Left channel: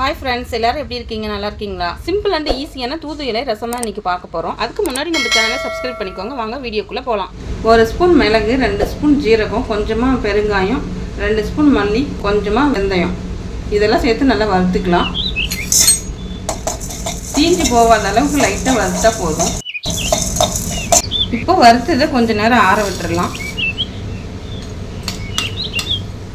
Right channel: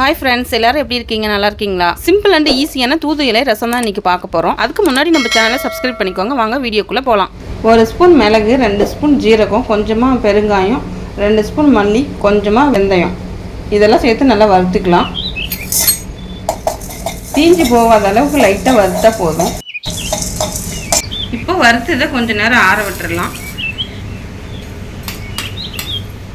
Hi friends எல்லாரும் எப்படி இருக்கீங்க? நல்லா இருக்கீங்களா? சிம்பிள் அண்ட் ஈஸியான தூது இலை ரசம் தான் இன்னைக்கு பார்க்க போகிறோம் அதுக்கு முன்னாடி நம்ம சேனலை சப்ஸ்கிரைப் பண்ணிக்கோங்க. வாங்க வீடியோக்குள்ளே போகலாம் ஒரு ஸ்பூன் மிளகு ரெண்டு ஸ்பூன் ஜீரகம் கொஞ்சமாக பெருங்காயம் ரெண்டு ஸ்பூன் மல்லி கொஞ்சமாக வெந்தயம். இதெல்லாம் சேர்த்து நல்லா வறுத்துக்கலாம். தீஞ்சு போகாத அளவுக்கு லைட்டாக வறுத்தா போதும். இப்போ வறுத்ததை கொஞ்சம் நேரம் ஆற விட்டுடலாம்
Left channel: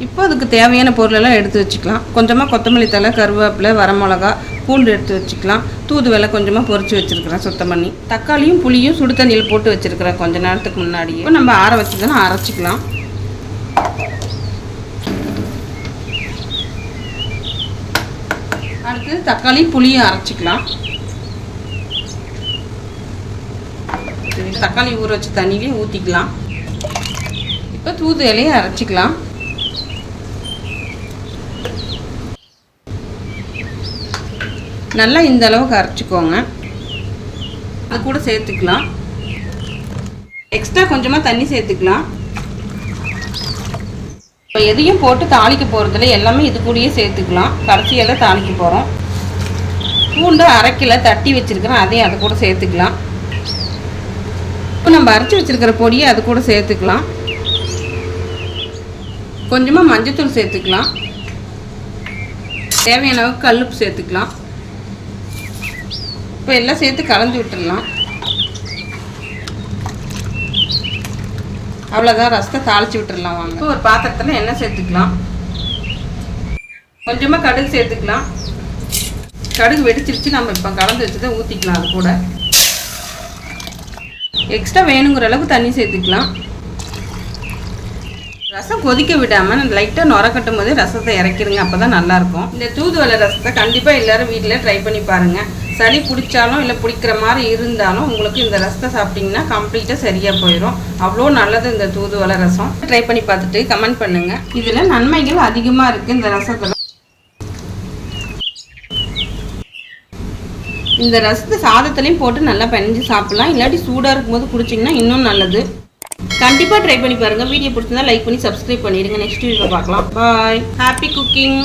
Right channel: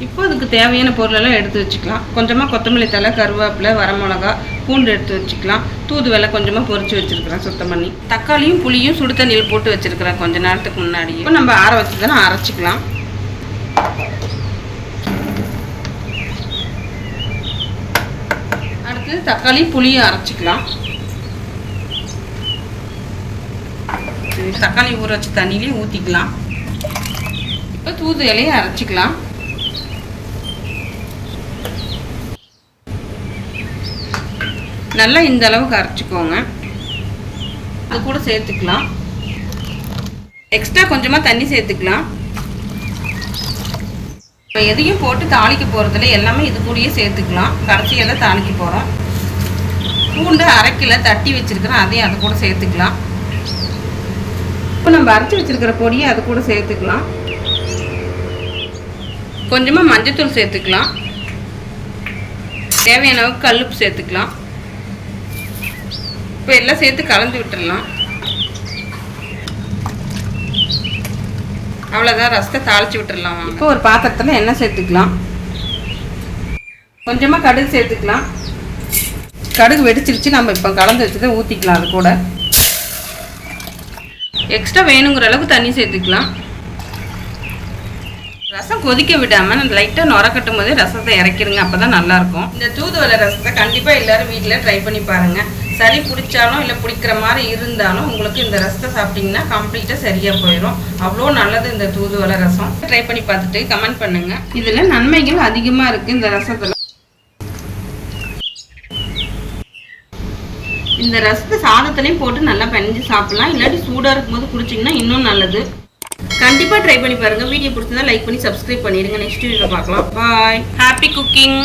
இப்போ அதுக்கு தேவையான பொருளெல்லாம் எடுத்து வச்சுக்கலாம். கொஞ்சமாக கொத்தமல்லி தழை கருவேப்பிலை வரமிளகா பூண்டு எடுத்து வச்சுக்கலாம். தூதுவளை கொஞ்சமாக பொரிச்சு வச்சுருக்கிறேன் சுத்தம் பண்ணி தக்காளியும் புளியும் சுடு தண்ணியில் போட்டு வச்சுருக்கிறேன் கொஞ்ச நேரத்துக்கு முன்னாடியே. இப்போ நம்ம ஆற வச்சு தானே அரைச்சிக்கலாம். அடுத்து தக்காளி புளியும் அரைச்சிக்கலாம். தக்காளி ஊற வச்சு தண்ணியிலையும் ஊற்றிக்கலாம் இப்போ தூது இலையை அரைச்சிக்கலாம். நல்லா இந்த அளவுக்கு அரைச்சிக்கோங்க. அது கூட சேர்த்துக்கலாம். எக்ஸ்ட்ரா கொஞ்சமாக தண்ணி சேர்த்துக்கலாம். இப்போ எதையும் போட்டு தாளிக்க போகிறதுல எல்லாமே இது கூடயே சேர்த்துக்கலாம். கடைசியாக தான் தாளிக்க போகிறோம் பூண்டை அரைக்கில தட்டி வச்சுருக்கிறேன். அதையும் அது கூட சேர்த்துக்கலாம். இப்போ நம்ம அரைச்சி வச்சுருக்கிற பொடியை அது கூட சேர்த்துக்கலாம். கொஞ்சமாக மஞ்சத்தூள் சேர்த்துக்கலாம். தேவையான அளவுக்கு கல்லுப்பு சேர்த்துக்கலாம். இப்போ எல்லாம் சேர்த்து கலந்து விட்டுடலாம் அவ்வளோதான் ரசத்தை தாளித்து விட்டுடலாம் வாங்க. இப்போ ஒரு பாத்திரத்தில் எண்ணெய் சேர்த்துக்கலாம். கொஞ்சமாக கடுகு சேர்த்துக்கலாம். கடுகு வெடிச்சிருச்சு நம்ம இப்போ கலந்து வச்சுட்டு ஊற்றிக்கலாம் அது கூட. எக்ஸ்ட்ரா வேணுங்கிற அளவுக்கு தண்ணி சேர்த்துக்கலாம். ரசம் கொதிக்க விடாமல் லைட்டாக நுர கட்டும் போது ரசத்தை இறக்கிடுங்க. அப்போ தான் நல்லாயிருக்கும். இந்த தூதுவளை ரசத்தை கண்டிப்பாக எல்லோரும் வீட்டில் ட்ரை பண்ணி பாருங்கள் சளி பிடிச்சாலும் இல்லை பிடிக்கிற மாதிரி இருந்தாலும் உங்களுக்கு இந்த ரசத்தை சாப்பிட்டீங்கன்னா கம்ப்ளீட்டாக சரியாக போயிடும். அவ்வளோ நல்லது இந்த தூதுவளை ரசம். ட்ரை பண்ணி பார்த்துட்டு கமெண்ட் பண்ணுங்கள் இதில் நன்மைகள் அதிகமாக இருக்குது இந்த ரசத்தில். இந்த ரசத்தை சாதத்துலேயும் போட்டு நல்லா பனிஞ்சு சாப்பிடலாம். இல்லாட்டி சூடாக இருக்கும்போது குடிச்சிங்கன்னா இன்னும் நல்லது. கண்டிப்பாக ட்ரை பண்ணி பாருங்கள் வீடியோ பிடிச்சிருந்தா லைக் பண்ணி சப்ஸ்கிரைப் பண்ணிடுங்க. நெக்ஸ்ட் வீடியோவில் பார்க்கலாம். பாய் ஹாப்பி குக்கிங்